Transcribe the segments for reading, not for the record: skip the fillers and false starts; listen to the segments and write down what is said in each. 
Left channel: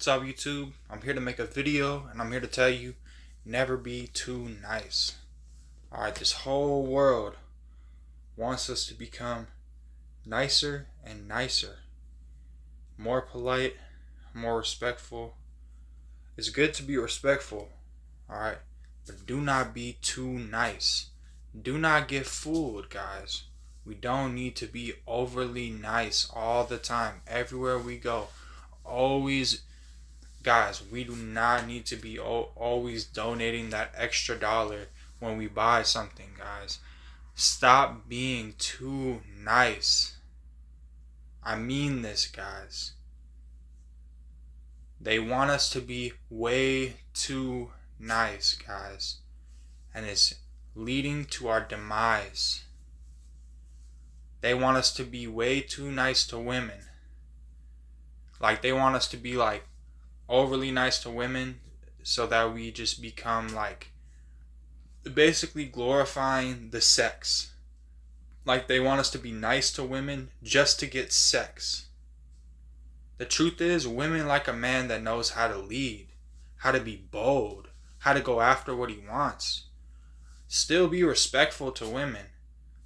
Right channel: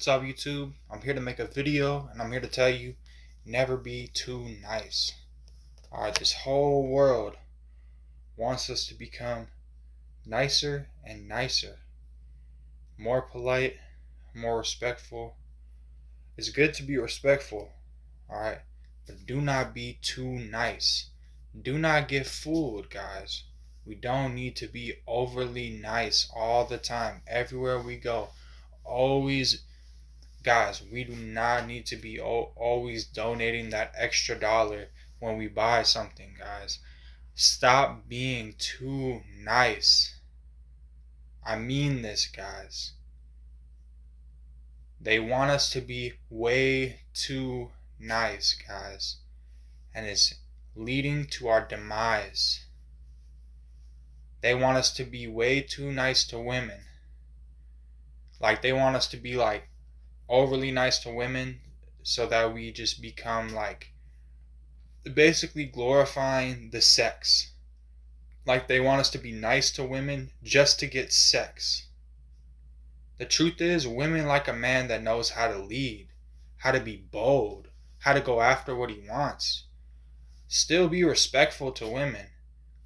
What's up, YouTube? I'm here to make a video and I'm here to tell you never be too nice. Alright, this whole world wants us to become nicer and nicer, more polite, more respectful. It's good to be respectful, alright, but do not be too nice. Do not get fooled, guys. We don't need to be overly nice all the time, everywhere we go. Always. Guys, we do not need to be always donating that extra dollar when we buy something, guys. Stop being too nice. I mean this, guys. They want us to be way too nice, guys. And it's leading to our demise. They want us to be way too nice to women. Like, they want us to be like overly nice to women so that we just become like basically glorifying the sex. Like, they want us to be nice to women just to get sex. The truth is, women like a man that knows how to lead, how to be bold, how to go after what he wants. Still be respectful to women,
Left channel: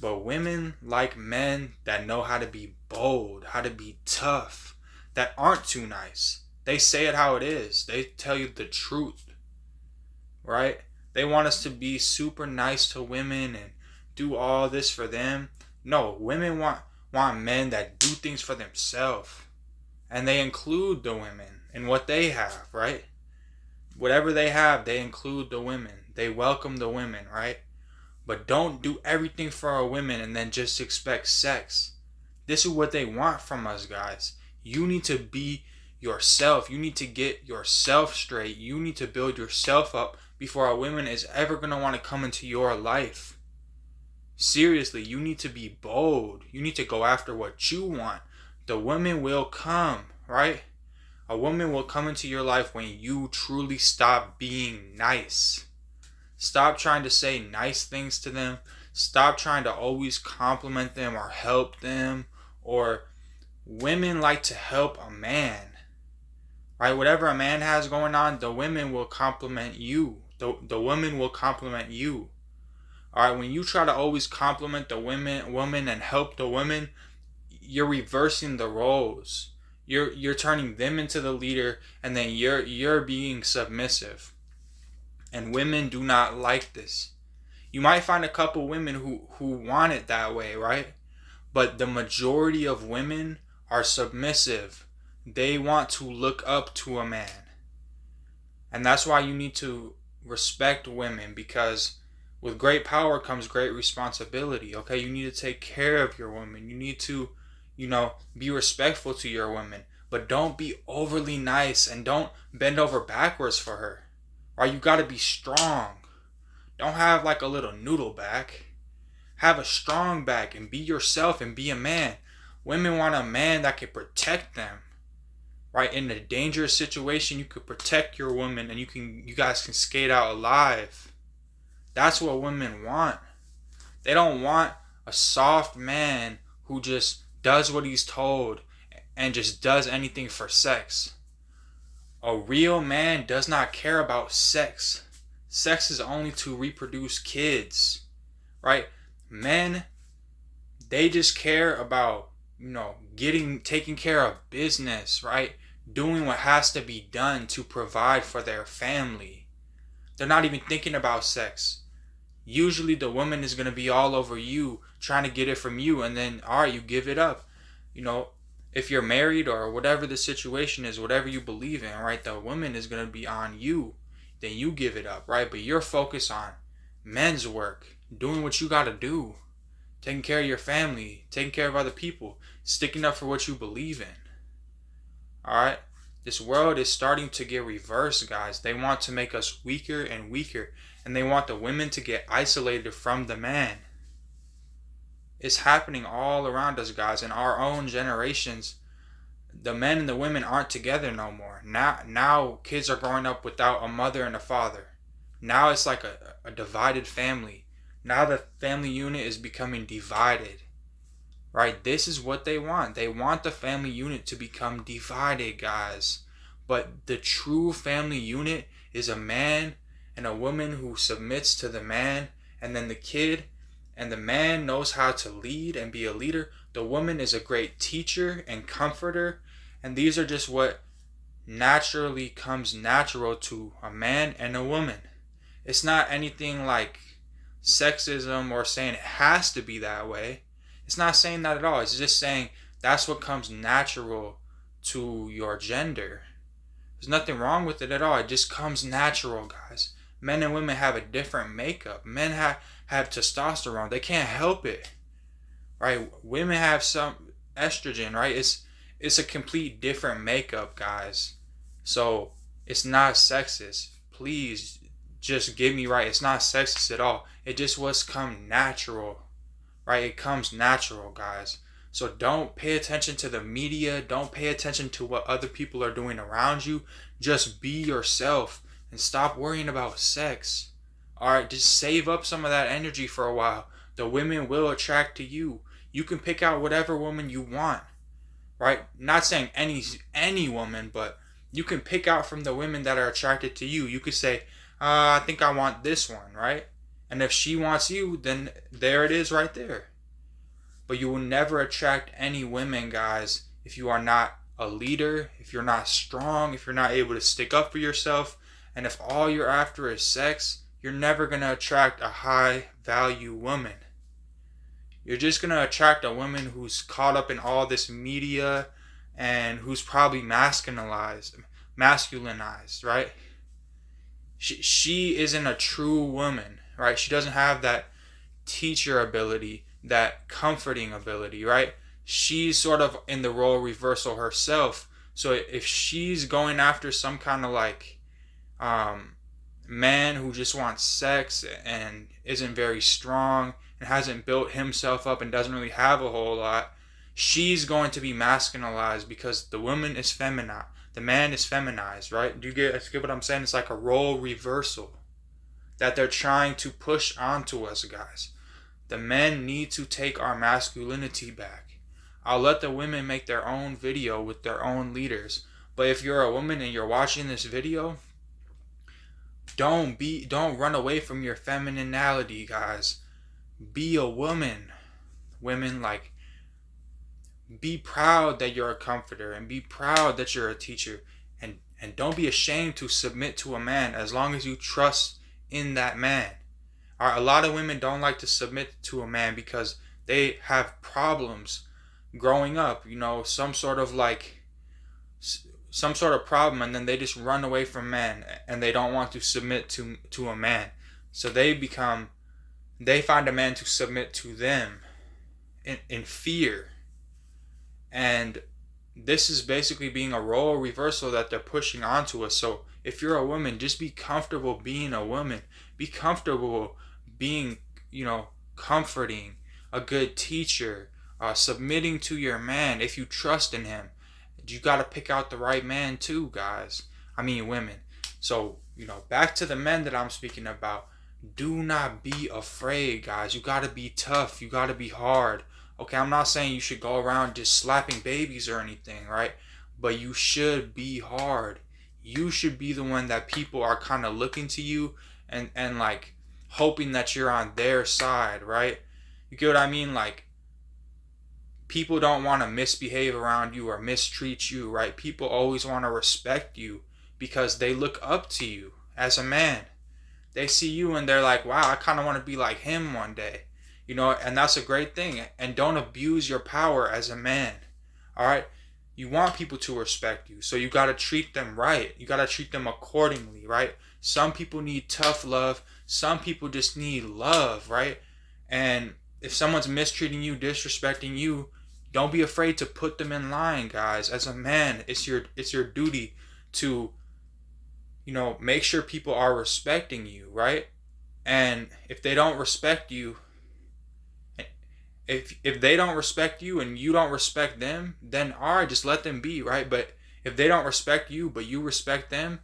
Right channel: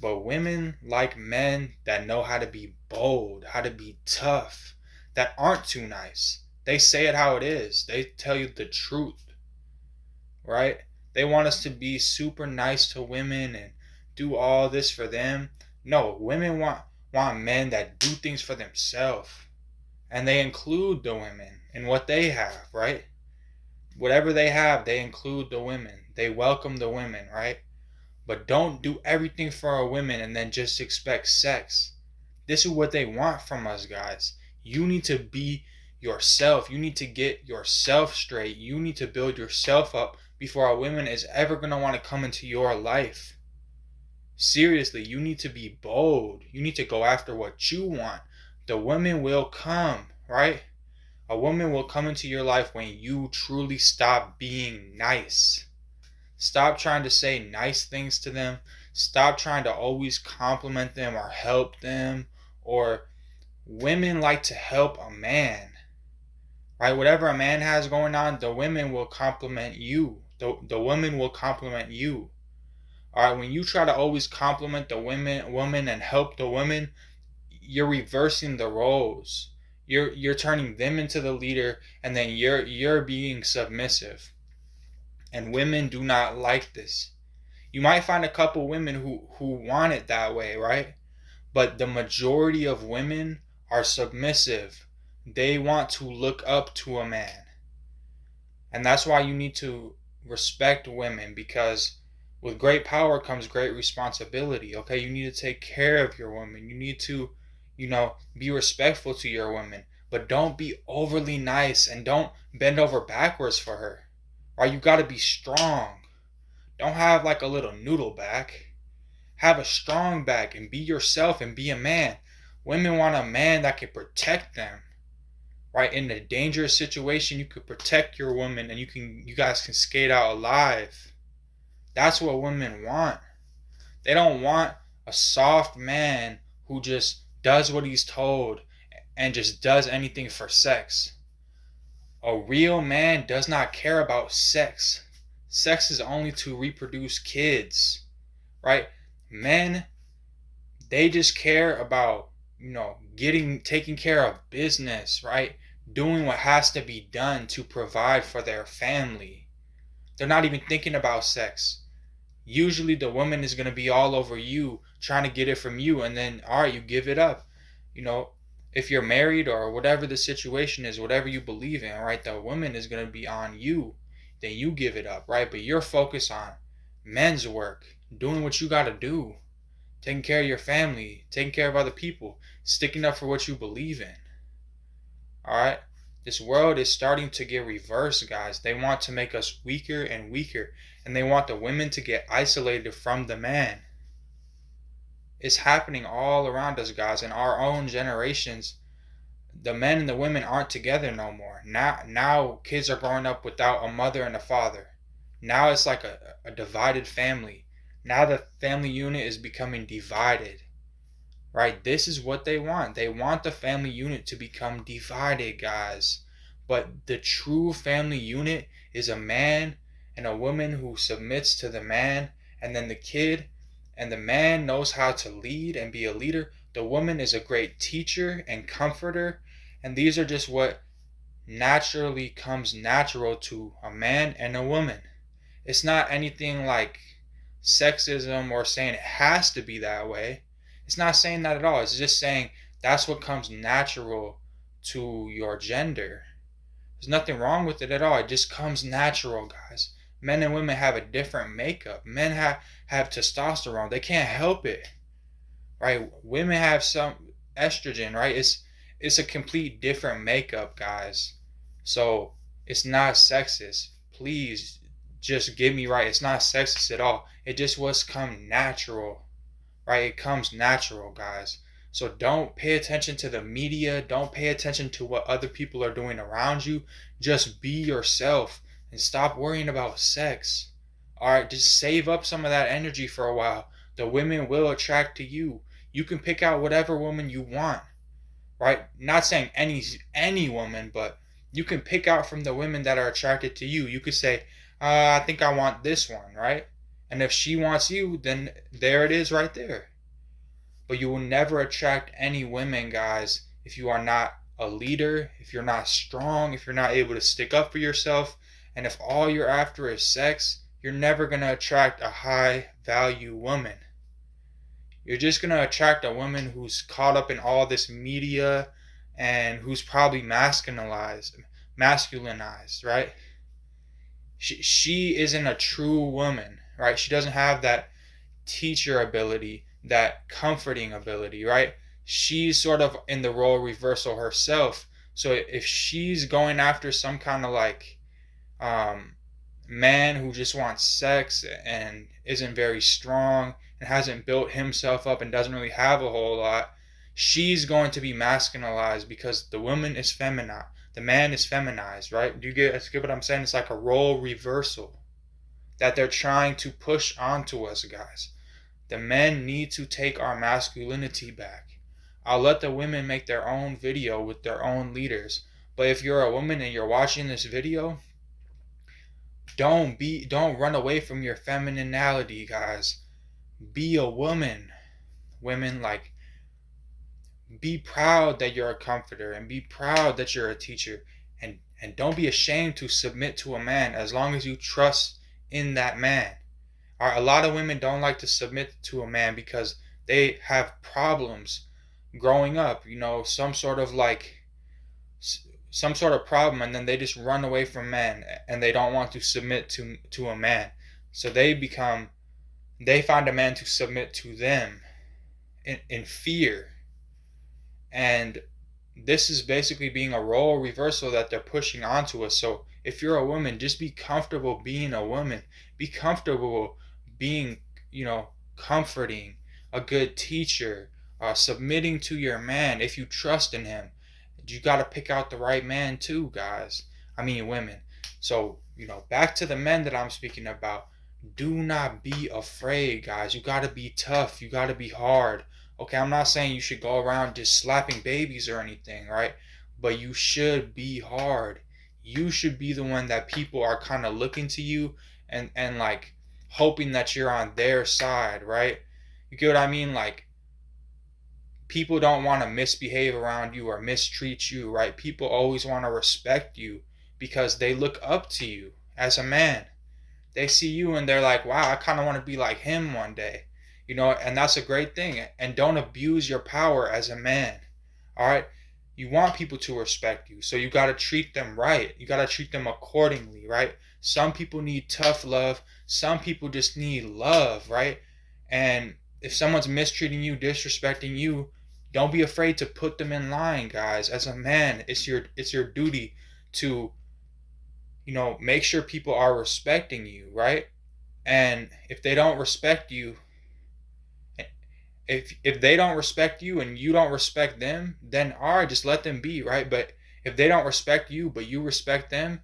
but women like men that know how to be bold, how to be tough, that aren't too nice. They say it how it is. They tell you the truth, right? They want us to be super nice to women and do all this for them. No, women want men that do things for themselves. And they include the women in what they have, right? Whatever they have, they include the women. They welcome the women, right? But don't do everything for our women and then just expect sex. This is what they want from us, guys. You need to be yourself. You need to get yourself straight. You need to build yourself up before a woman is ever going to want to come into your life. Seriously, you need to be bold. You need to go after what you want. The woman will come, right? A woman will come into your life when you truly stop being nice. Stop trying to say nice things to them. Stop trying to always compliment them or help them. Or women like to help a man, right? Whatever a man has going on, the women will compliment you. The women will compliment you. All right, when you try to always compliment the woman and help the women, you're reversing the roles. You're turning them into the leader, and then you're being submissive. And women do not like this. You might find a couple women who want it that way, right? But the majority of women are submissive. They want to look up to a man. And that's why you need to respect women, because with great power comes great responsibility. Okay, you need to take care of your woman. You need to, be respectful to your woman, but don't be overly nice and don't bend over backwards for her. Right? You got to be strong. Don't have like a little noodle back. Have a strong back and be yourself and be a man. Women want a man that can protect them. Right? In a dangerous situation, you could protect your woman and you guys can skate out alive. That's what women want. They don't want a soft man who just does what he's told and just does anything for sex. A real man does not care about sex. Sex is only to reproduce kids, right? Men, they just care about, taking care of business, right? Doing what has to be done to provide for their family. They're not even thinking about sex. Usually the woman is going to be all over you, trying to get it from you, and then, all right, you give it up. If you're married or whatever the situation is, whatever you believe in, right, the woman is going to be on you. Then you give it up, right? But you're focused on men's work, doing what you got to do, taking care of your family, taking care of other people, sticking up for what you believe in. All right? This world is starting to get reversed, guys. They want to make us weaker and weaker, and they want the women to get isolated from the man. It's happening all around us, guys. In our own generations, the men and the women aren't together no more. Now kids are growing up without a mother and a father. Now it's like a divided family. Now the family unit is becoming divided. Right? This is what they want. They want the family unit to become divided, guys. But the true family unit is a man and a woman who submits to the man, and then the kid, and the man knows how to lead and be a leader. The woman is a great teacher and comforter, and these are just what naturally comes natural to a man and a woman. It's not anything like sexism or saying it has to be that way. It's not saying that at all. It's just saying that's what comes natural to your gender. There's nothing wrong with it at all. It just comes natural, guys. Men and women have a different makeup. Men have testosterone. They can't help it, right? Women have some estrogen, right? It's a complete different makeup, guys. So it's not sexist. Please just get me right. It's not sexist at all. It just was come natural, right? It comes natural, guys. So don't pay attention to the media. Don't pay attention to what other people are doing around you. Just be yourself and stop worrying about sex. All right, just save up some of that energy for a while. The women will attract to you. You can pick out whatever woman you want, right? Not saying any woman, but you can pick out from the women that are attracted to you. You could say, I think I want this one, right? And if she wants you, then there it is right there. But you will never attract any women, guys, if you are not a leader, if you're not strong, if you're not able to stick up for yourself, and if all you're after is sex, you're never going to attract a high value woman. You're just going to attract a woman who's caught up in all this media and who's probably masculinized, right? She isn't a true woman, right? She doesn't have that teacher ability, that comforting ability, right? She's sort of in the role reversal herself. So if she's going after some kind of like man who just wants sex and isn't very strong and hasn't built himself up and doesn't really have a whole lot, she's going to be masculinized because the woman is feminine. The man is feminized, right? Do you get what I'm saying? It's like a role reversal that they're trying to push onto us, guys. The men need to take our masculinity back. I'll let the women make their own video with their own leaders. But if you're a woman and you're watching this video, don't run away from your femininity, guys. Be a woman. Women, like, be proud that you're a comforter and be proud that you're a teacher, and don't be ashamed to submit to a man as long as you trust in that man. A lot of women don't like to submit to a man because they have problems growing up, some sort of problem, and then they just run away from men and they don't want to submit to a man. So they find a man to submit to them in fear. And this is basically being a role reversal that they're pushing onto us. So if you're a woman, just be comfortable being a woman. Be comfortable being, comforting, a good teacher, submitting to your man if you trust in him. You got to pick out the right man too, guys. I mean, women. So, back to the men that I'm speaking about. Do not be afraid, guys. You got to be tough. You got to be hard. Okay, I'm not saying you should go around just slapping babies or anything, right? But you should be hard. You should be the one that people are kind of looking to you and like hoping that you're on their side, right? You get what I mean? Like, people don't want to misbehave around you or mistreat you, right? People always want to respect you because they look up to you as a man. They see you and they're like, wow, I kind of want to be like him one day. And that's a great thing. And don't abuse your power as a man. All right? You want people to respect you. So you got to treat them right. You got to treat them accordingly, right? Some people need tough love. Some people just need love, right? And if someone's mistreating you, disrespecting you, don't be afraid to put them in line, guys. As a man, it's your duty to, make sure people are respecting you, right? And if they don't respect you, if they don't respect you and you don't respect them, then all right, just let them be, right? But if they don't respect you, but you respect them,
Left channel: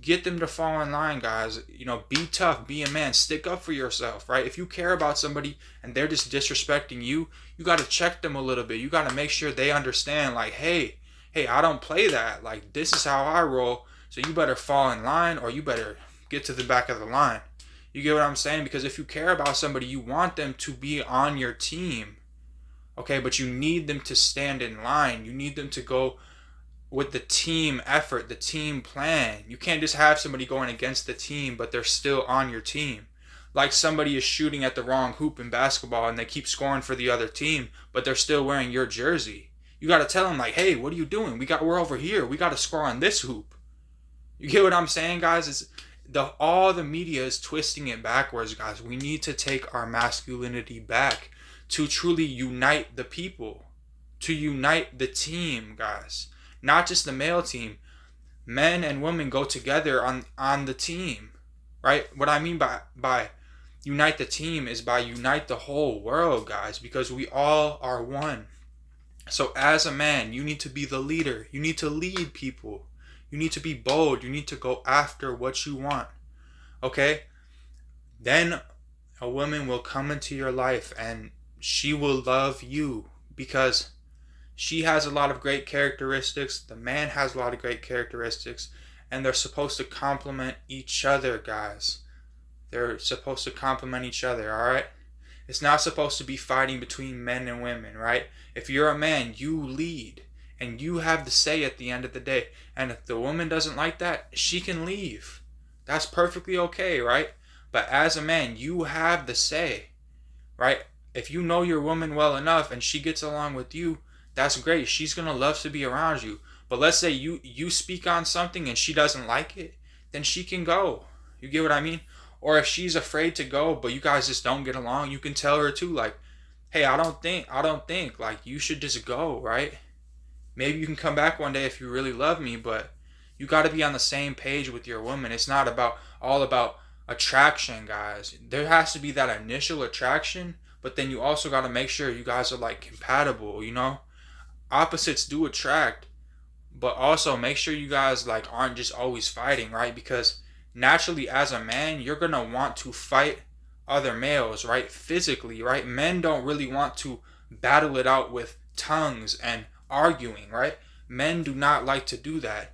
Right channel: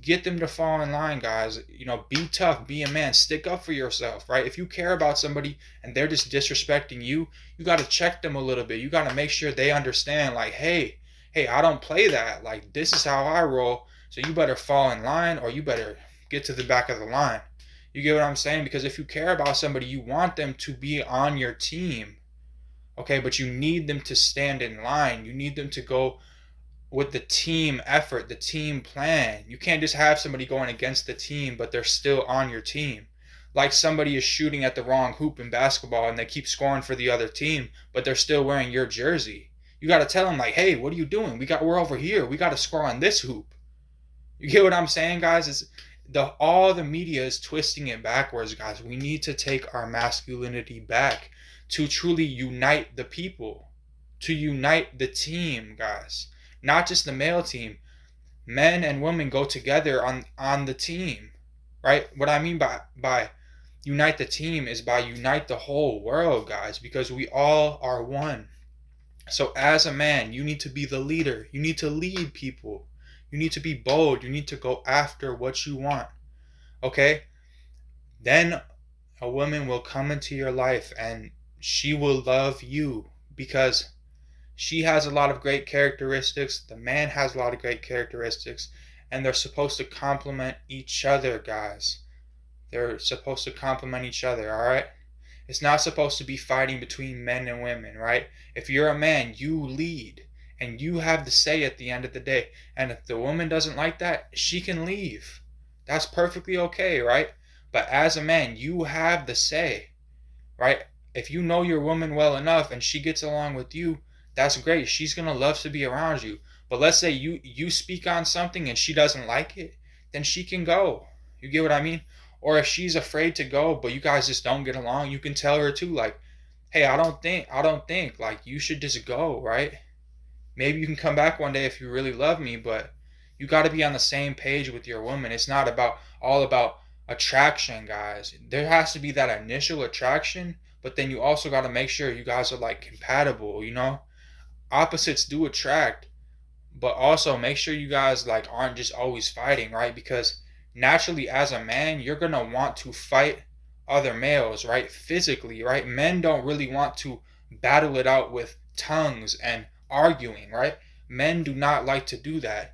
get them to fall in line, guys. Be tough, be a man, stick up for yourself, right? If you care about somebody and they're just disrespecting you, you got to check them a little bit. You got to make sure they understand, like, hey, hey, I don't play that. Like, this is how I roll. So you better fall in line, or you better get to the back of the line. You get what I'm saying? Because if you care about somebody, you want them to be on your team. Okay, but you need them to stand in line. You need them to go with the team effort, the team plan. You can't just have somebody going against the team, but they're still on your team. Like somebody is shooting at the wrong hoop in basketball and they keep scoring for the other team, but they're still wearing your jersey. You got to tell them, like, hey, what are you doing? We're over here. We got to score on this hoop. You get what I'm saying, guys? All the media is twisting it backwards, guys. We need to take our masculinity back to truly unite the people, to unite the team, guys. Not just the male team. Men and women go together on the team, right? What I mean by unite the team is by unite the whole world, guys, because we all are one. So as a man, you need to be the leader. You need to lead people. You need to be bold. You need to go after what you want. Okay? Then a woman will come into your life and she will love you because she has a lot of great characteristics. The man has a lot of great characteristics. And they're supposed to complement each other, guys. They're supposed to complement each other, all right? It's not supposed to be fighting between men and women, right? If you're a man, you lead. And you have the say at the end of the day. And if the woman doesn't like that, she can leave. That's perfectly okay, right? But as a man, you have the say, right? If you know your woman well enough and she gets along with you, that's great. She's going to love to be around you. But let's say you speak on something and she doesn't like it, then she can go. You get what I mean? Or if she's afraid to go, but you guys just don't get along, you can tell her too, like, hey, I don't think, like, you should just go, right? Maybe you can come back one day if you really love me, but you got to be on the same page with your woman. It's not all about attraction, guys. There has to be that initial attraction, but then you also got to make sure you guys are, like, compatible, you know? Opposites do attract, but also make sure you guys, like, aren't just always fighting, right? Because naturally, as a man, you're going to want to fight other males, right? Physically, right? Men don't really want to battle it out with tongues and arguing, right? Men do not like to do that.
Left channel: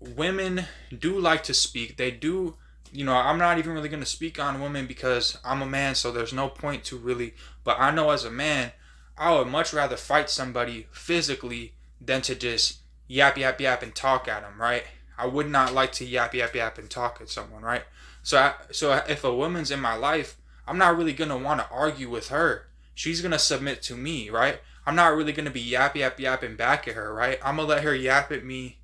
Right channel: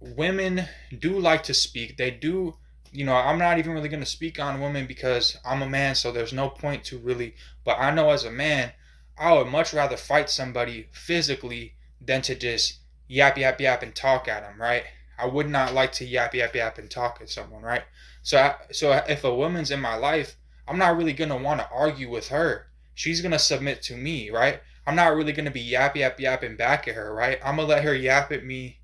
Women do like to speak. They do, I'm not even really going to speak on women because I'm a man, so there's no point to really, but I know as a man, I would much rather fight somebody physically than to just yap, yap, yap and talk at them, right? I would not like to yap, yap, yap and talk at someone, right? So if a woman's in my life, I'm not really going to want to argue with her. She's going to submit to me, right? I'm not really going to be yap, yap, yapping back at her, right? I'm going to let her yap at me.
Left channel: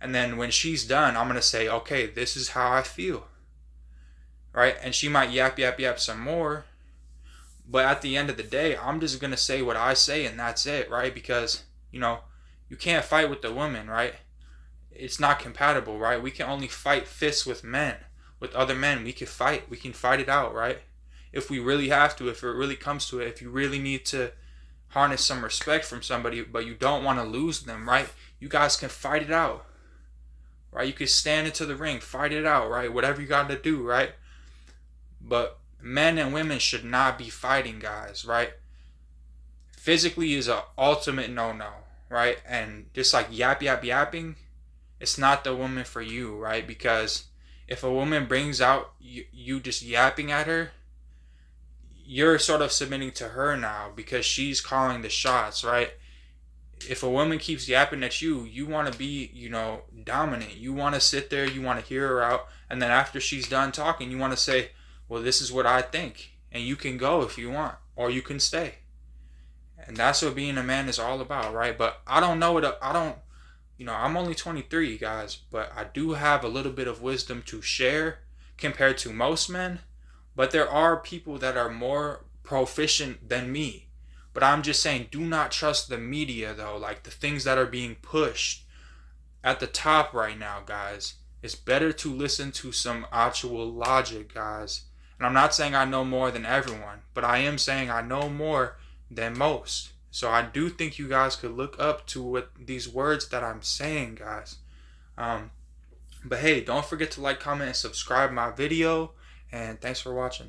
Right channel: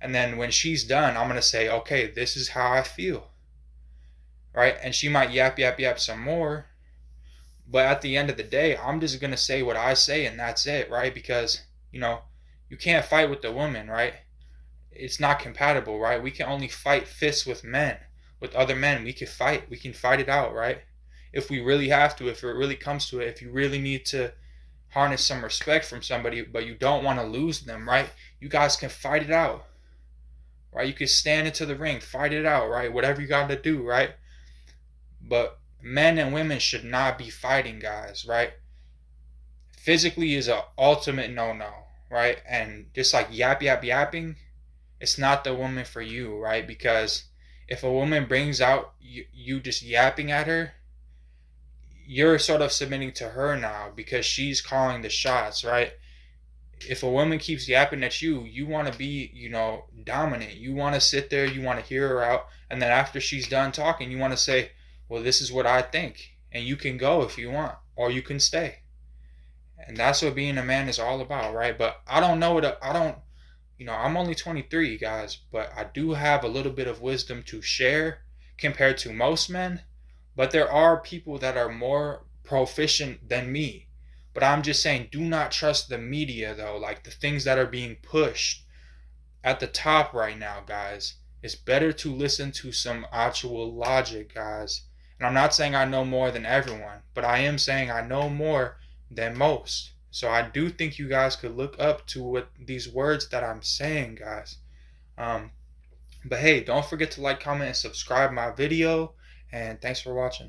And then when she's done, I'm going to say, okay, this is how I feel, right? And she might yap, yap, yap some more. But at the end of the day, I'm just going to say what I say and that's it, right? Because, you can't fight with the woman, right? It's not compatible, right? We can only fight fists with men. With other men, we can fight it out, right? If we really have to, if it really comes to it, if you really need to harness some respect from somebody, but you don't want to lose them, right? You guys can fight it out, right? You can stand into the ring, fight it out, right? Whatever you got to do, right? But men and women should not be fighting, guys, right? Physically is an ultimate no-no, right? And just like yap, yap, yapping, it's not the woman for you, right? Because if a woman brings out you just yapping at her, you're sort of submitting to her now because she's calling the shots, right? If a woman keeps yapping at you, you want to be, dominant. You want to sit there, you want to hear her out, and then after she's done talking, you want to say, well, this is what I think, and you can go if you want, or you can stay. And that's what being a man is all about, right? But I'm only 23, guys, but I do have a little bit of wisdom to share compared to most men. But there are people that are more proficient than me. But I'm just saying, do not trust the media, though. Like the things that are being pushed at the top right now, guys. It's better to listen to some actual logic, guys. And I'm not saying I know more than everyone, but I am saying I know more than most. So I do think you guys could look up to what these words that I'm saying, guys. But hey, don't forget to like, comment, and subscribe my video. And thanks for watching.